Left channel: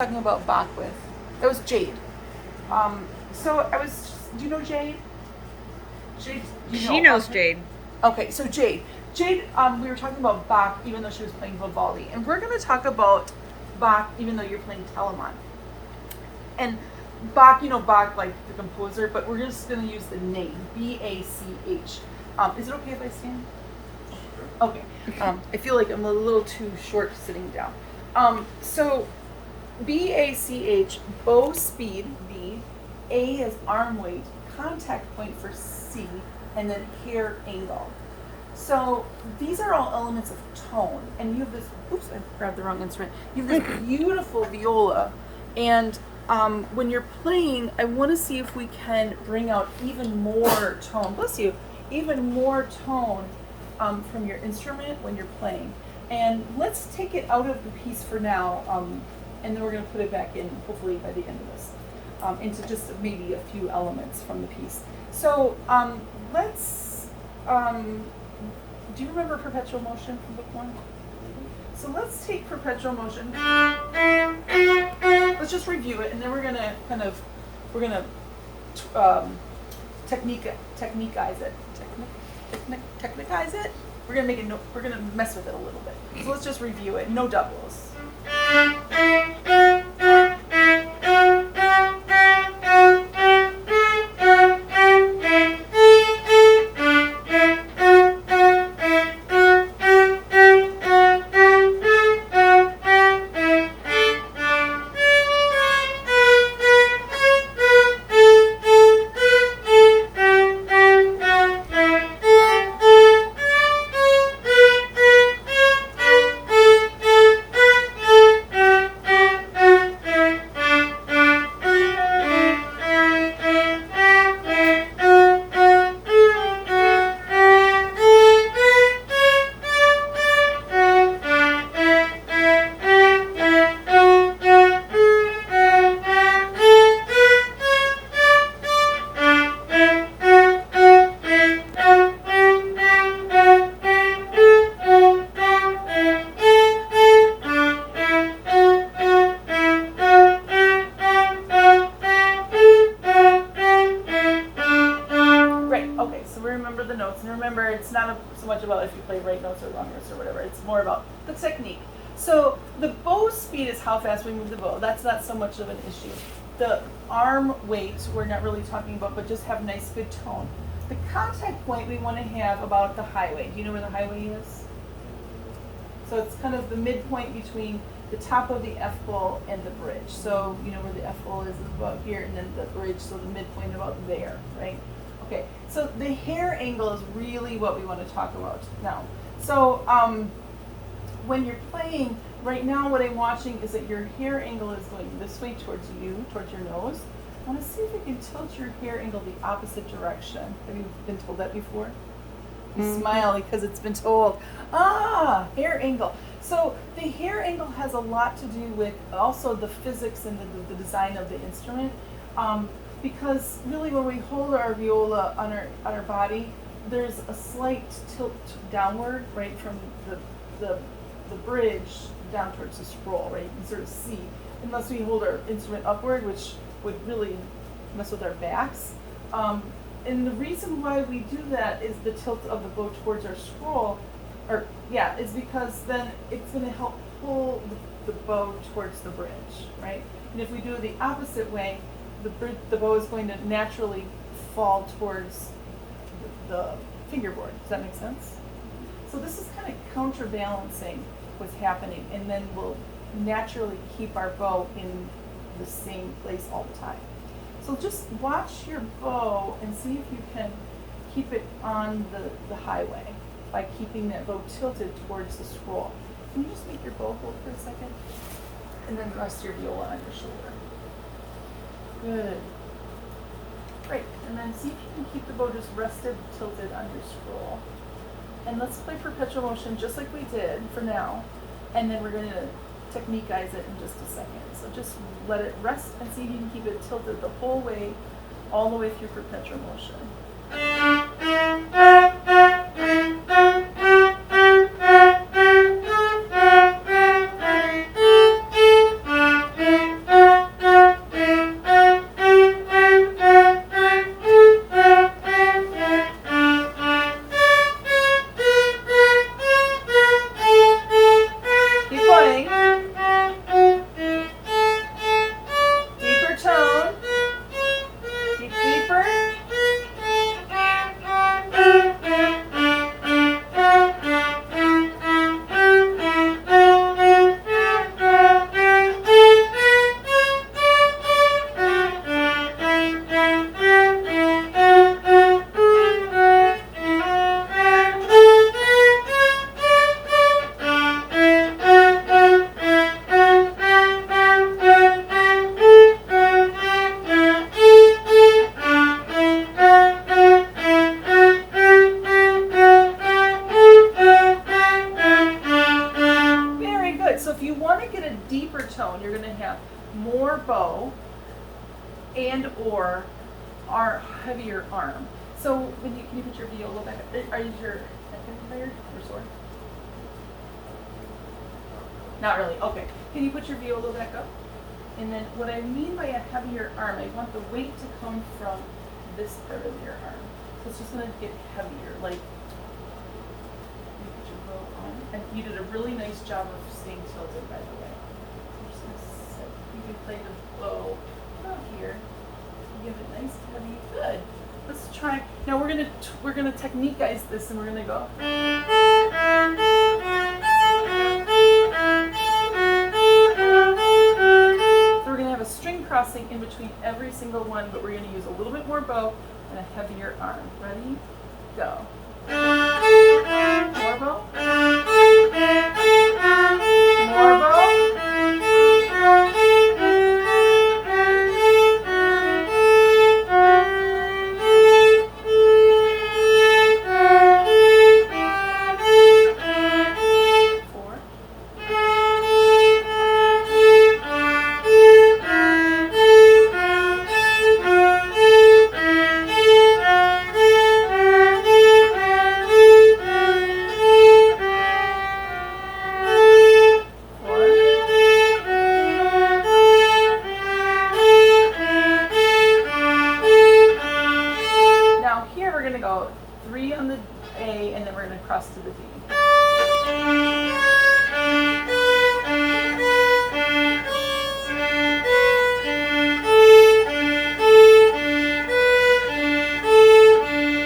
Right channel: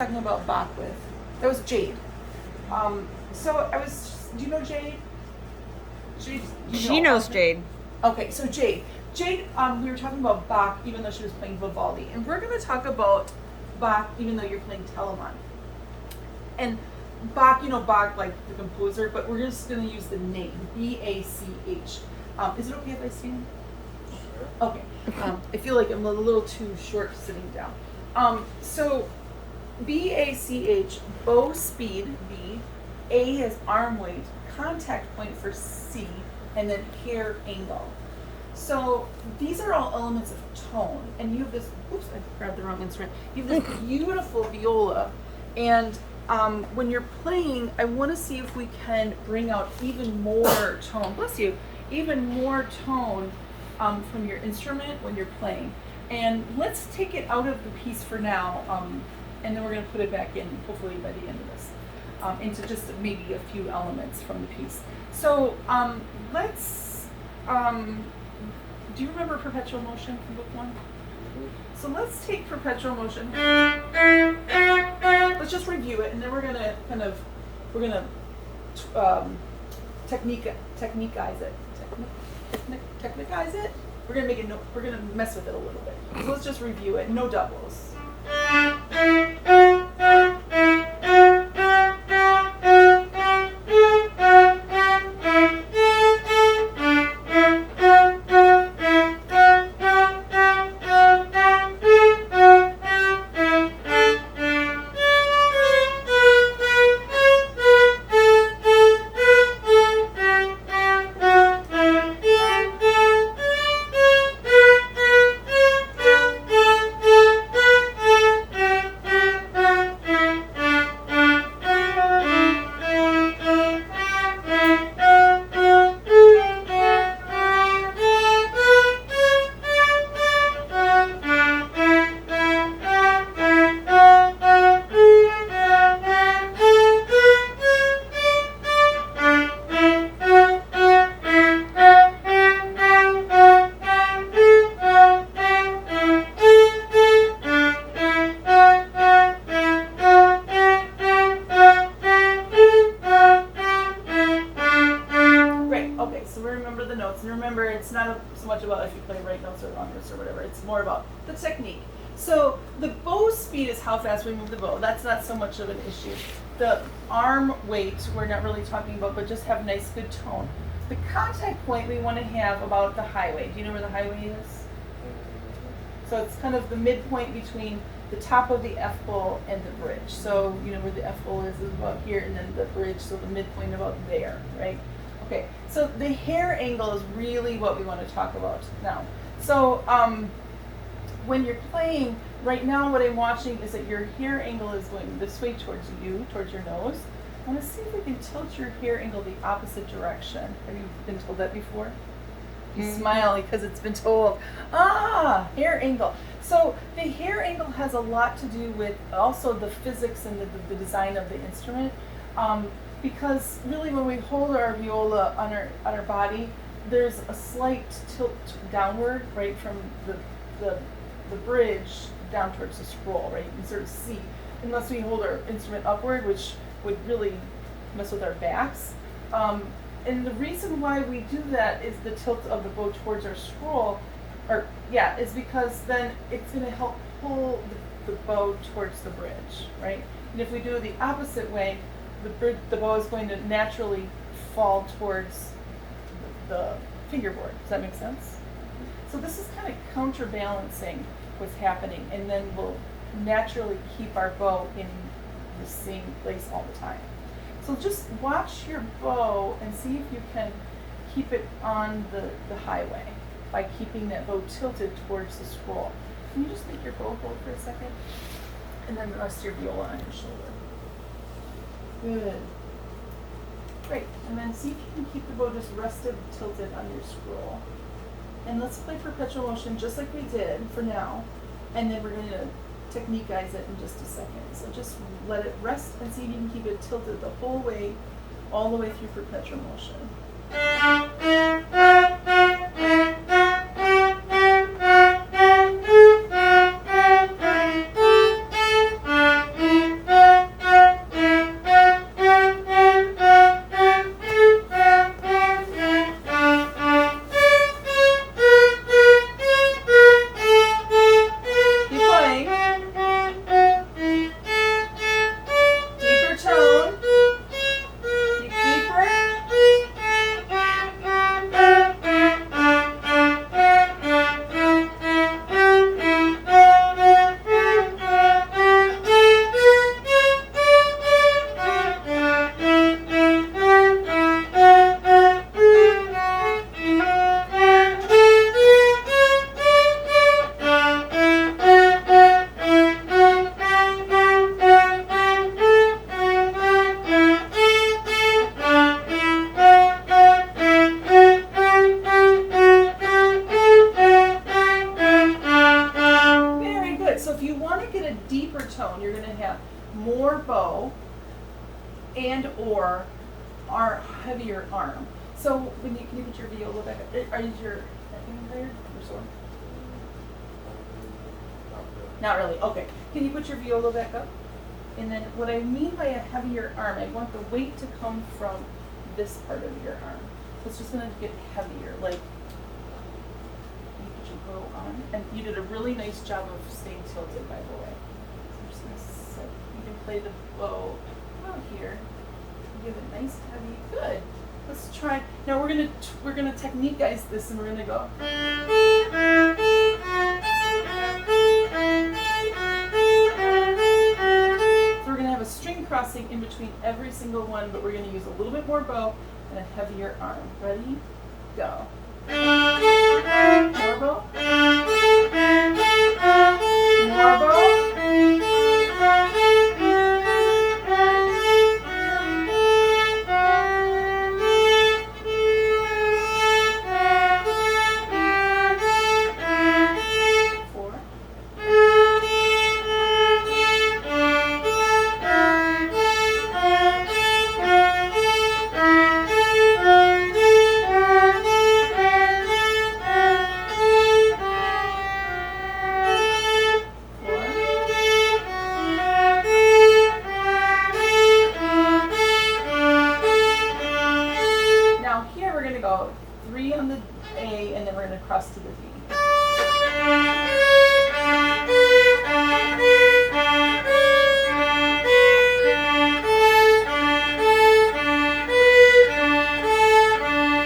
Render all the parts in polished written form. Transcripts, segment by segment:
talking about Bach with. That was Jade. So I was. Do you know Jade? Jade. She knows Jade. Okay, so Jade. Jade. We were talking about Bach, even though she was playing Vivaldi, and we're going to talk about Bach, even though you're playing Telemann. And Bach, Bach like the composer, but we're just going to use the name B-A-C-H. Is it okay if I stand? Okay. I feel like I'm a little too short sitting down. So B-A-C-H, bow speed, B, A is arm weight, contact point for C, and then hair angle. So these are all elements of tone. And you have this, oops, I grabbed the wrong instrument. You have this beautiful viola. And when you're playing, I want to see if we can bring out even more tone, bless you, even more tone from your instrument when you're playing. And let's take it out of the piece for now, and then we're going to put it back in, hopefully by the end of this, into just maybe a few elements from the piece. So let's, do you remember perpetual motion from book one? So let's take perpetual motion. Let's just review it, and then we're going to technicize it. Technicize it? We're going to make it, we're going to mess with it a little bit. So let's just review it, no doubles. It's not so much about if you play right notes or wrong notes or whatever. It's more about the technique. So the bow speed is how fast we move the bow. That's not so much of an issue. The arm weight we're not really talking about, but just have nice, good tone. The contact point we want to have about the highway. Do you know where the highway is? So it's kind of the midpoint between the top of the F bowl and the bridge. So you know where the F bowl is about here, and then the bridge, so the midpoint about there, right? Okay, so the hair angle is really what we want to talk about now. So when you're playing, right now what I'm watching is that your hair angle is going this way towards you, towards your nose. I want to see if we can tilt your hair angle the opposite direction. Have you been told that before? You smile because it's been told. Hair angle. So the hair angle has a lot to do with also the physics and the design of the instrument. Because really when we hold our viola on our body, there's a slight tilt downward, right, from the bridge down towards the scroll, right? You can sort of see, unless we hold our instrument upward, which would really mess with our backs. And the reason why we do that is the tilt of the bow towards our scroll, is because then it's going to help pull the bow towards the bridge, right? And if we do it the opposite way, the bow is going to naturally fall towards the fingerboard. Does that make sense? So this is kind of counterbalancing what's happening, and then we'll naturally keep our bow in the same place all the time. So just watch your bow and see if you can keep it on the highway by keeping that bow tilted towards the scroll. Can you just make your bow hold for a second? And then rest your viola on your shoulder. Good. Great. And then see if you can keep the bow just rested, tilted on your scroll. And let's play perpetual motion just like we did for now. And then we're going to technicize it in just a second. So just let it rest and see if you can keep it tilted the whole way, all the way through perpetual motion. and you're going to have more bow and or our heavier arm. So when you, can you put your viola back up? Are you your neck getting tired or sore? Not really. Okay. Can you put your viola back up? And then what I mean by a heavier arm, I want the weight to come from this part of your arm. So it's just going to get heavier. Like, you put your bow on. And you did a really nice job of staying tilted, by the way. I'm just going to set, you can play the bow out here. Give it nice, heavy. Good. Let's try. Now we're gonna technique guys this, and we're gonna go. So we're gonna have a string crossing in between every single one, but we're gonna use a little bit more bow and a heavier arm. Ready? Go. More bow. More bow. Cross to the D.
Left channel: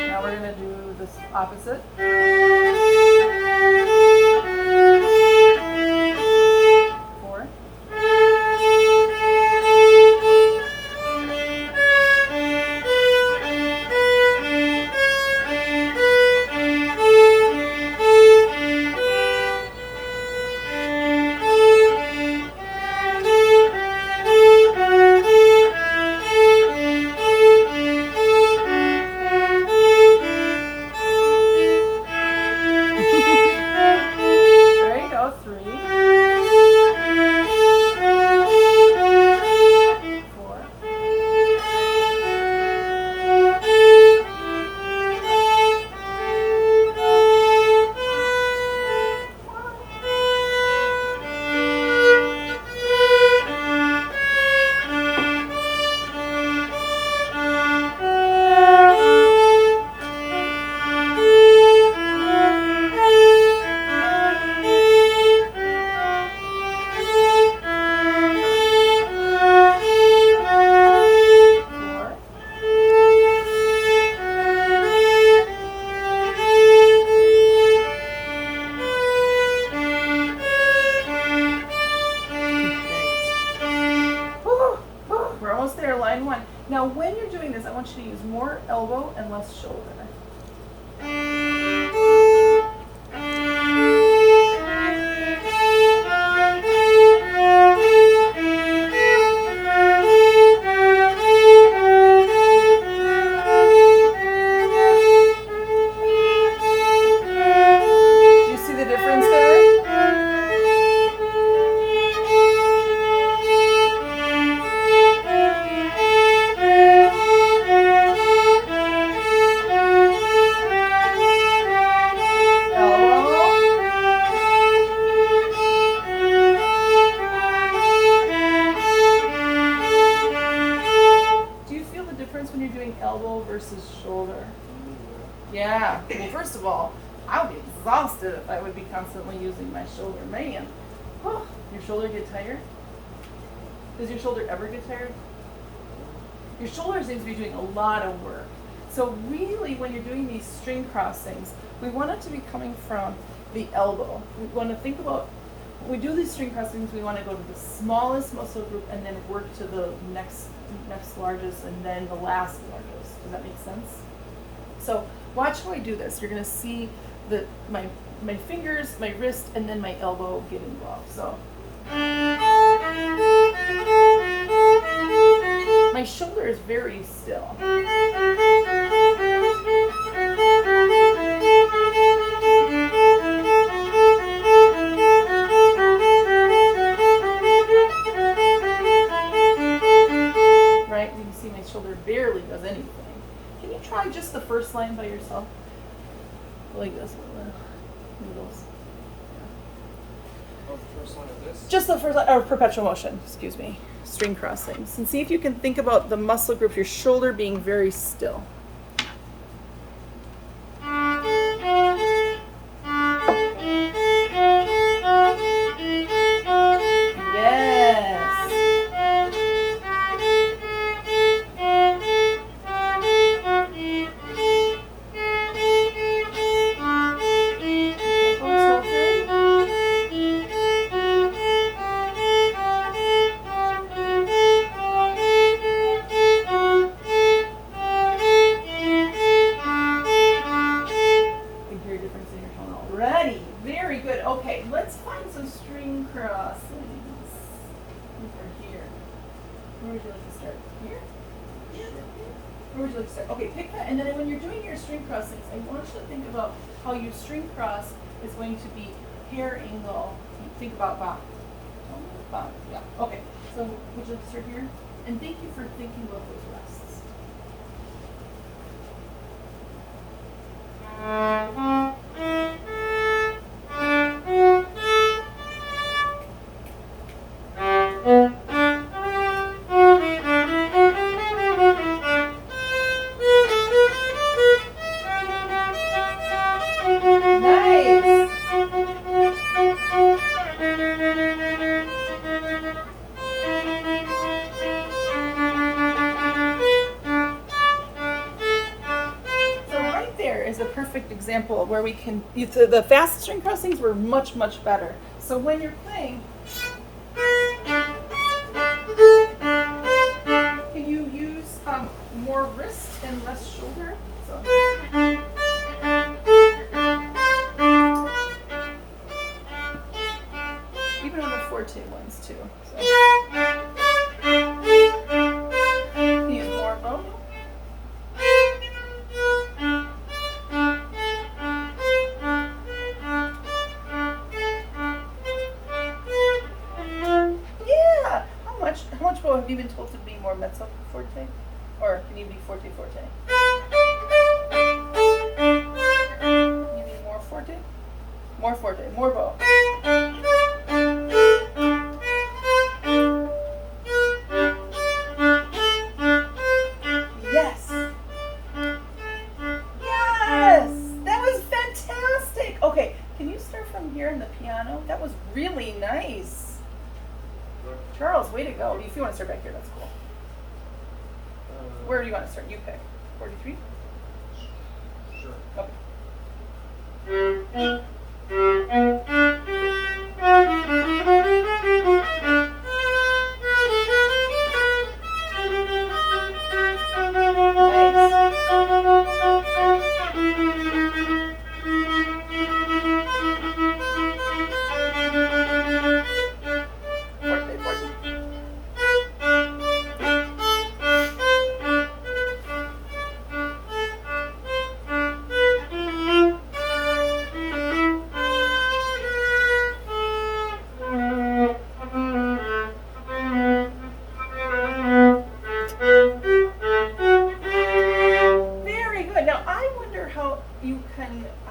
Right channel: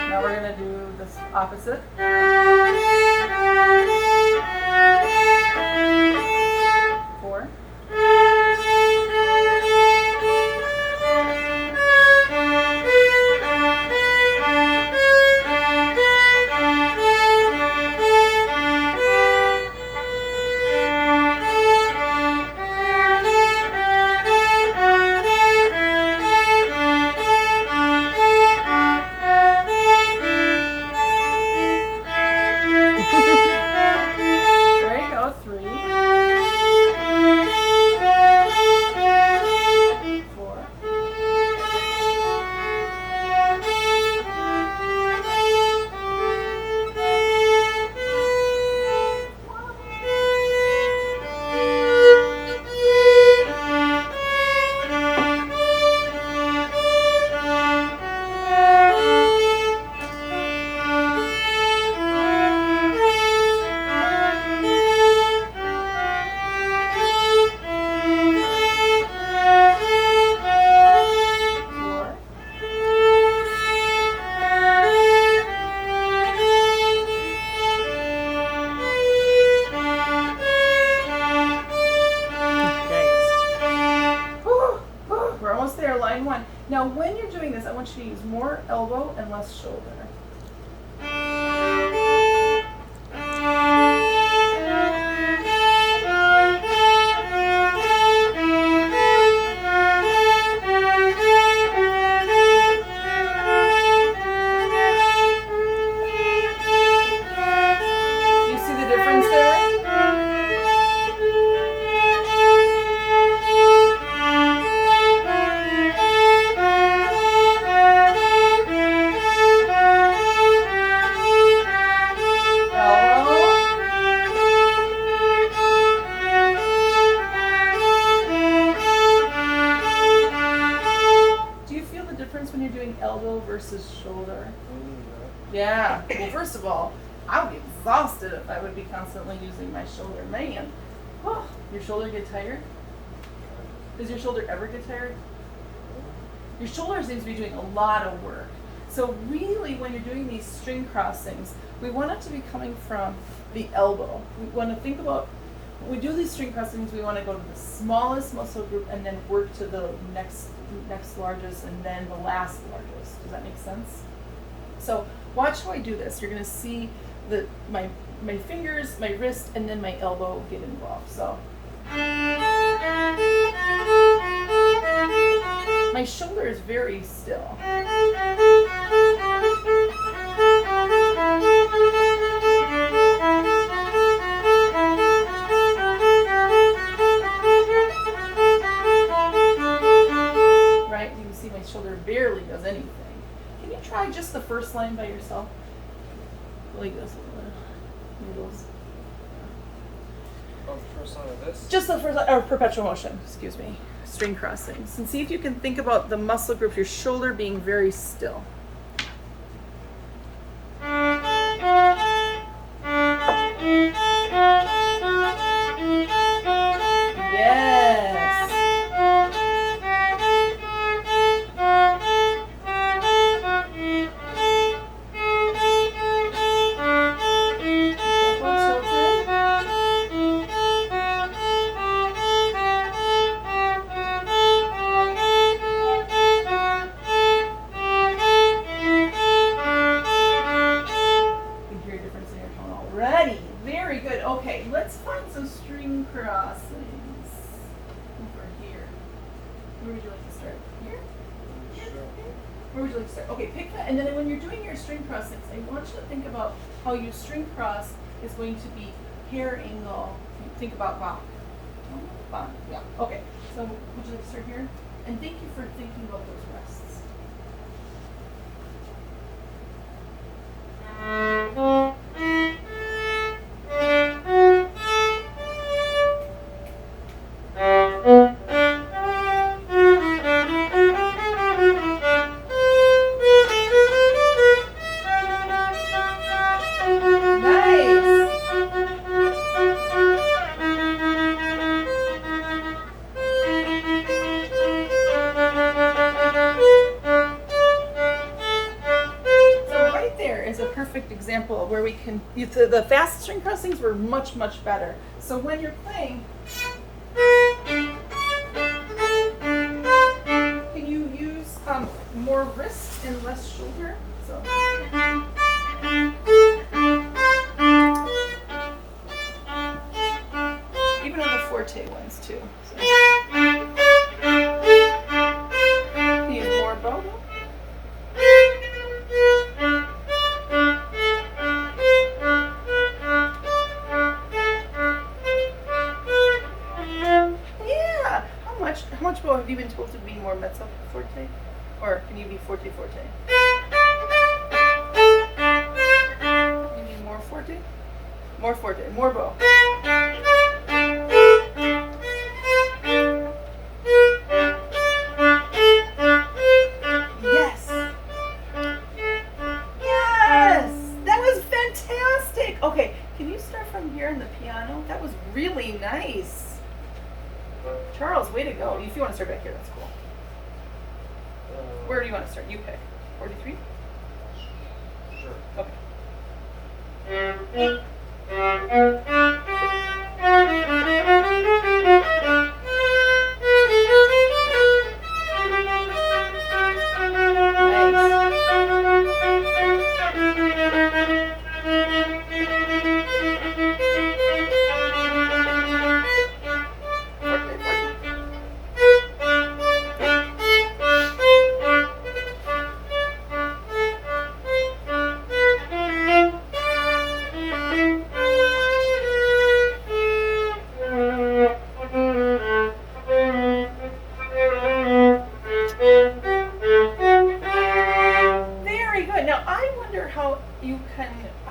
Now we're going to do this opposite. Four. Now when you're doing this, I want you to use more elbow and less shoulder. When you're doing elbow versus shoulder? Yeah. Well, first of all, I would be exhausted if I would be constantly using my shoulder. Man, oh, your shoulder get tired? Does your shoulder ever get tired? Your shoulder seems to be doing a lot of work. So really, when you're doing these string crossings, we want it to be coming from the elbow. We want to think about, when we do these string crossings, we want to go to the smallest muscle group and then work to the next largest and then the last largest. Does that make sense? So watch how I do this. You're going to see my fingers, my wrist, and then my elbow get involved. So my shoulder is very still. barely does anything. Can you try just the first line by yourself? Like this, noodles. Oh, the first line of this? Just the first line, or perpetual motion, excuse me. String crossings. And see if you can think about the muscle group, your shoulder being very still. Okay, pick that, and then when you're doing your string crossings, I want you to think about how your string cross is going to be hair angle. Think about bop. Bop, yeah, okay. So would you like to start here? And thank you for thinking about those rests. Example where we can, the fast string crossings were much better. So when you're playing, can you use more wrist and less shoulder? So. Even on the forte ones too. So. Can you use more bow? How much bow have you been told to be more mezzo forte? Or can you be forte forte? Can you be more forte? More forte, more bow. Yes! Yes! That was fantastic! Okay, can you start from here in the piano? That was really nice. Charles, way to go. If you want to start back here, that's cool. Where do you want to start? You pick. 43? Sure. Okay.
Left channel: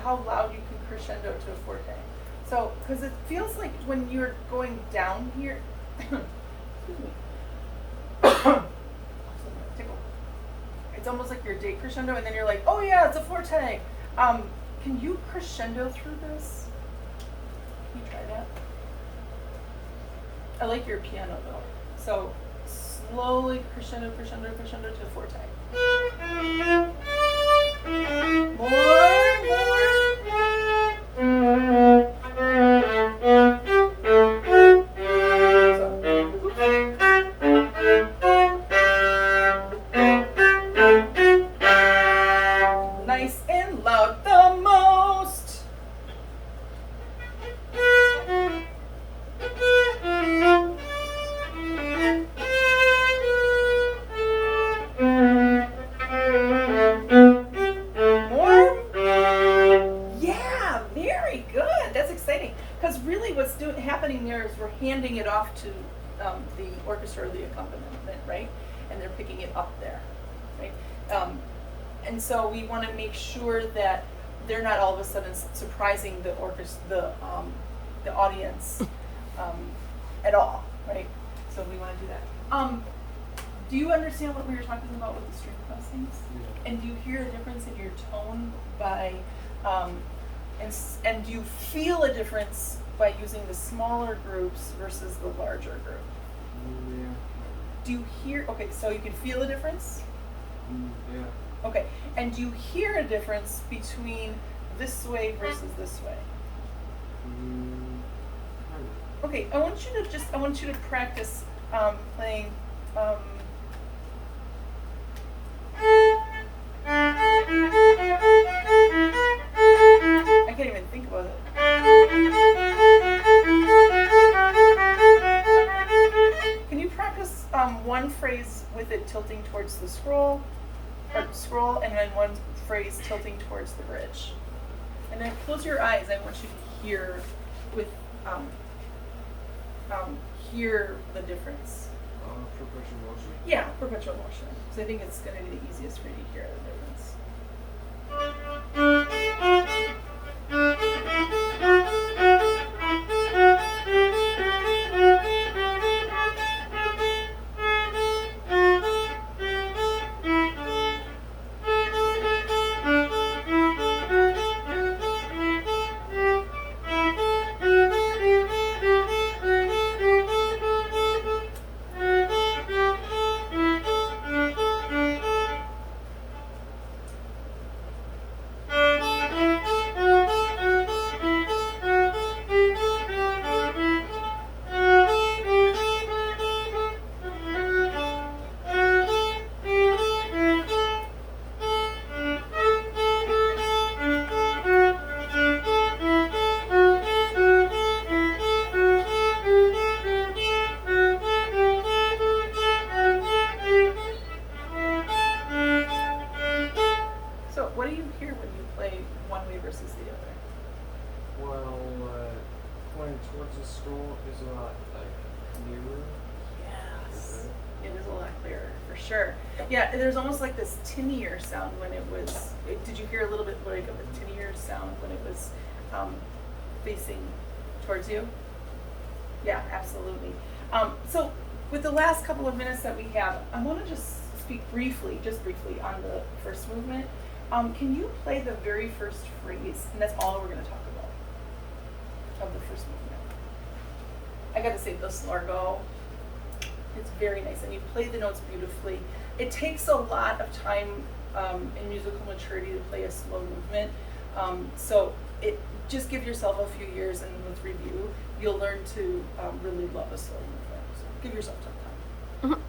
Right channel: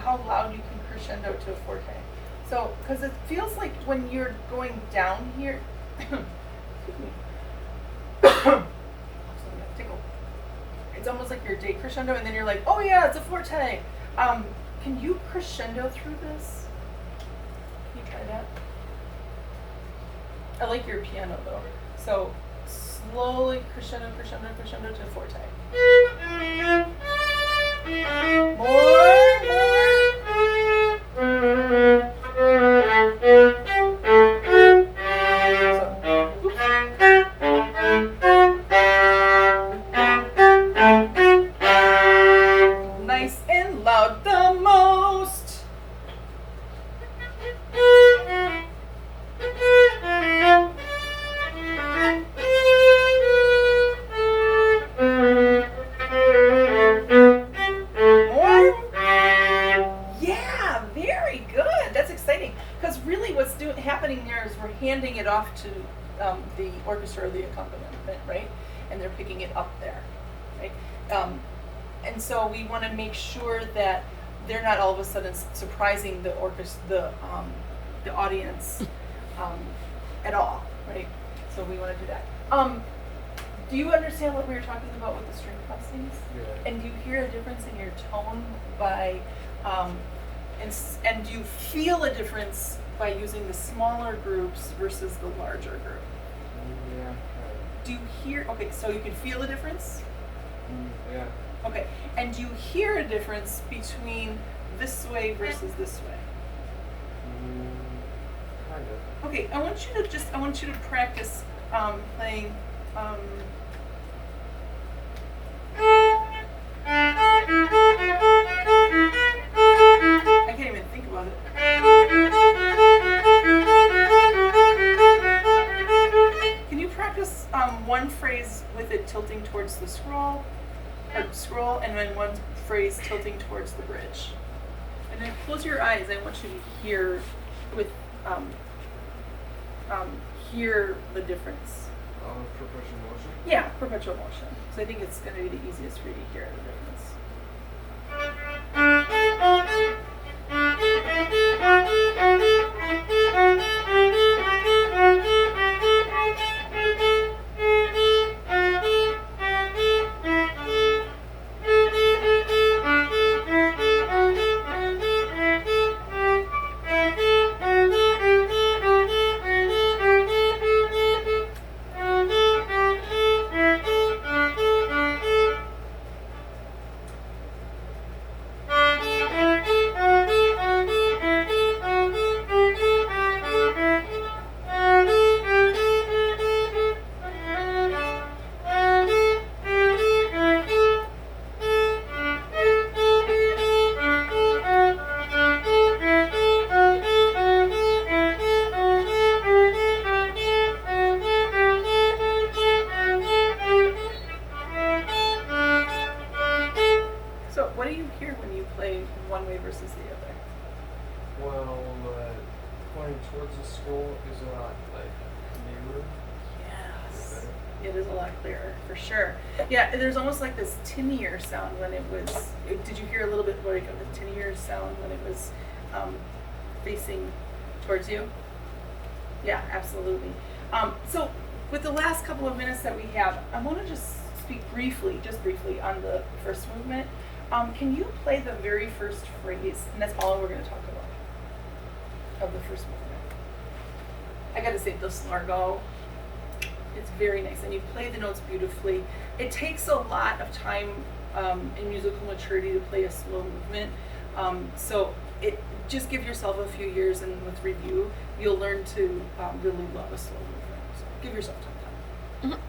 How loud you can crescendo to a forte. So, because it feels like when you're going down here, it's almost like your day crescendo, and then you're like, oh yeah, it's a forte. Can you crescendo through this? Can you try that? I like your piano though. So, slowly crescendo, crescendo, crescendo to forte. More. Nice and loud, the most. Happening there is we're handing it off to the orchestra or the accompaniment, right? And they're picking it up there. right? And so we want to make sure that they're not all of a sudden surprising the the audience at all, right? So we want to do that. Do you understand what we were talking about with the string crossings? Yeah. And do you hear a difference in your tone by, and do you feel a difference by using the smaller groups versus the larger group? Yeah. Do you hear, okay, so you can feel a difference? Yeah. Okay, and do you hear a difference between this way versus this way? Kind of. Okay, I want you to practice playing. I can't even think about it. Can you practice one phrase with it tilting towards the scroll, and then one phrase tilting towards the bridge? And then close your eyes. I want you to hear hear the difference. Perpetual motion. Yeah, perpetual motion. So I think it's going to be the easiest for you to hear the difference. So what do you hear when you play one way versus the other? Well, going towards the scroll is a lot like clearer. Yes. It is a lot clearer, for sure. Yeah, there's almost like this tinnier sound when it was, did you hear a little bit like of a tinnier sound when it was facing towards you? Yeah, absolutely. So with the last couple of minutes that we have, I want to just speak briefly, on the first movement. Can you play the very first phrase? And that's all we're going to talk about of the first movement. I got to say, this largo, it's very nice, and you play the notes beautifully. It takes a lot of time in musical maturity to play a slow movement. So just give yourself a few years, and with review, you'll learn to really love a slow movement. So give yourself some time. Mhm.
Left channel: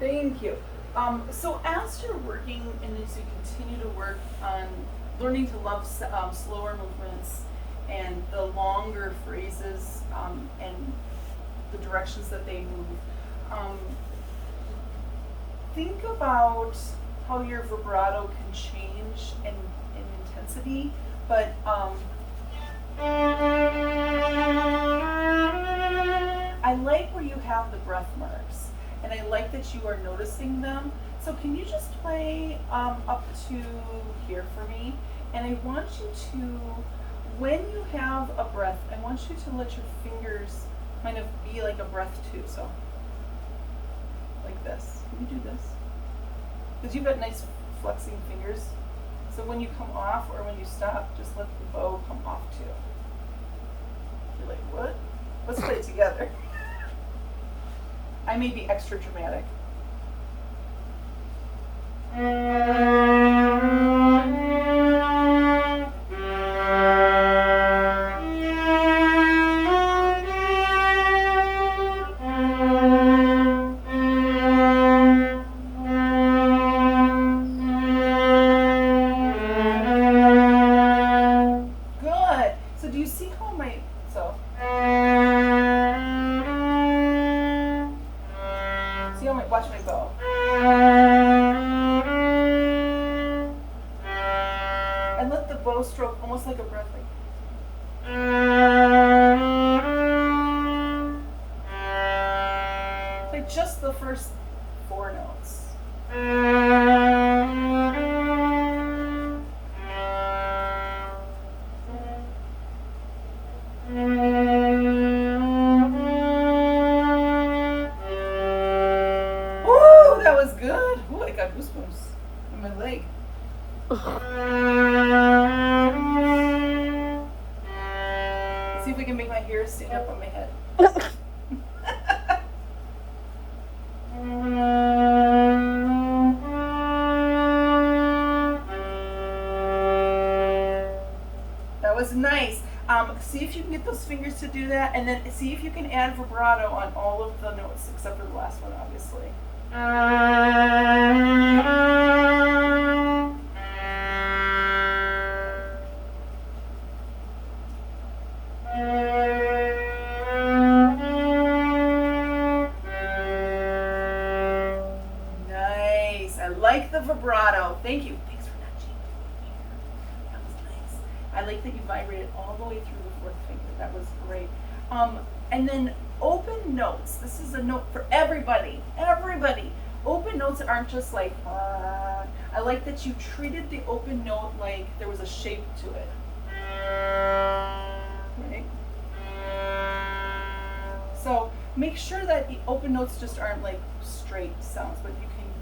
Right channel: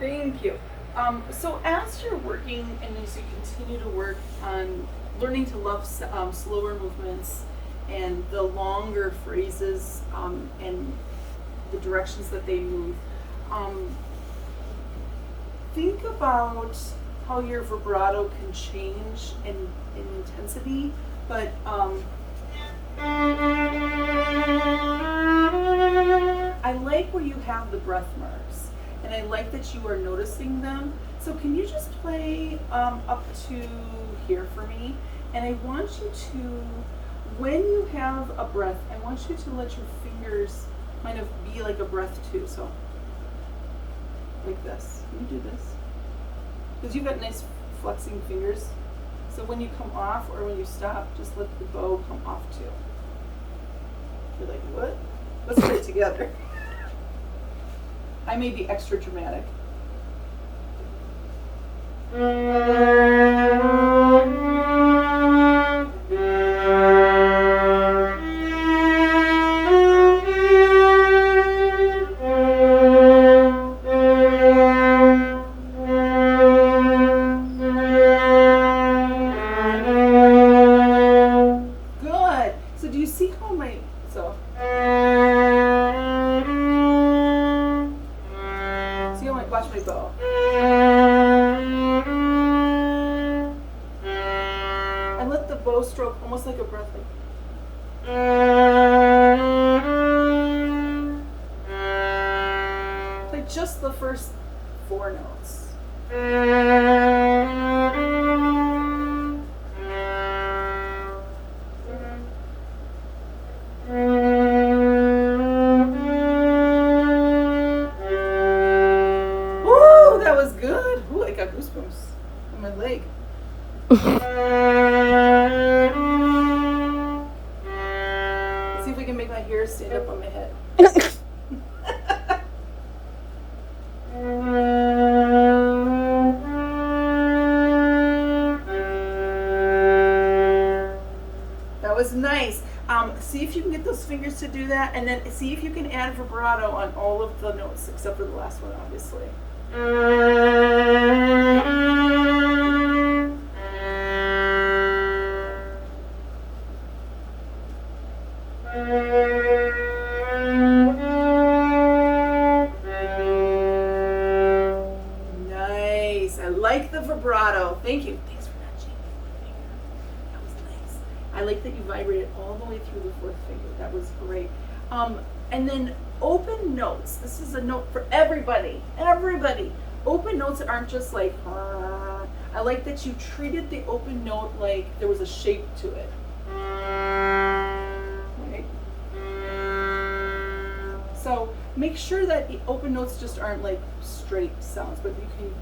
Thank you. So as you're working and as you continue to work on learning to love slower movements and the longer phrases and the directions that they move, think about how your vibrato can change in intensity, but I like where you have the breath marks, and I like that you are noticing them. So can you just play up to here for me? And I want you to, when you have a breath, I want you to let your fingers kind of be like a breath too. So like this. Can you do this? Because you've got nice flexing fingers. So when you come off or when you stop, just let the bow come off too. You're like, what? Let's put it together. I may be extra dramatic. Good. So do you see how my see how watch my bow. I let the bow stroke almost like a breath, like just the first 4 notes. Woo, that was good. Ooh, I got goosebumps in my leg. See if we can make my hair stand up on my head. That was nice. See if you can get those fingers to do that, and then see if you can add vibrato on all of the notes except for the last one, obviously. Nice. I like the vibrato. Thank you. Thanks for not changing my finger. That was nice. I like that you vibrated all the way through the 4th finger. That was great. And then open notes. This is a note for everybody. Everybody. Open notes aren't just like, I like that you treated the open note like there was a shape to it. Right? So make sure that the open notes just aren't like straight sounds, but you can,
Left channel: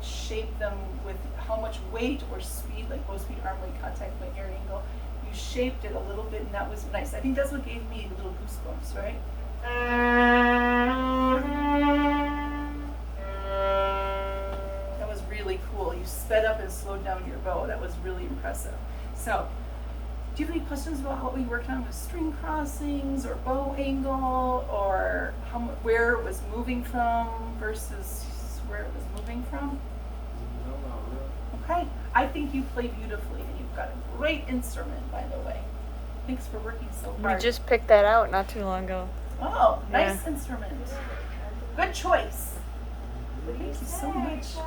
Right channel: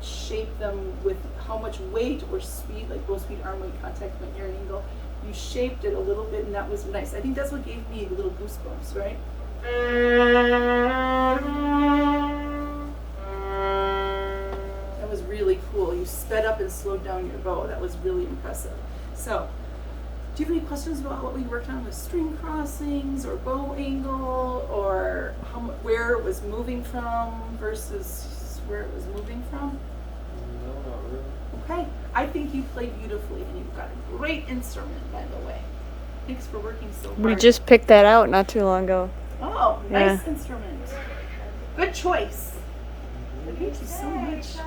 shape them with how much weight or speed, like bow speed, arm weight, contact point, ear angle. You shaped it a little bit, and that was nice. I think that's what gave me little goosebumps, right? That was really cool. You sped up and slowed down your bow. That was really impressive. So, do you have any questions about what we worked on with string crossings or bow angle, or where it was moving from versus where it was moving from? No, not really. Okay, I think you play beautifully, and you've got a great instrument, by the way. Thanks for working so hard. We just picked that out not too long ago. Oh, nice Yeah. instrument. Good choice. Thank you so much.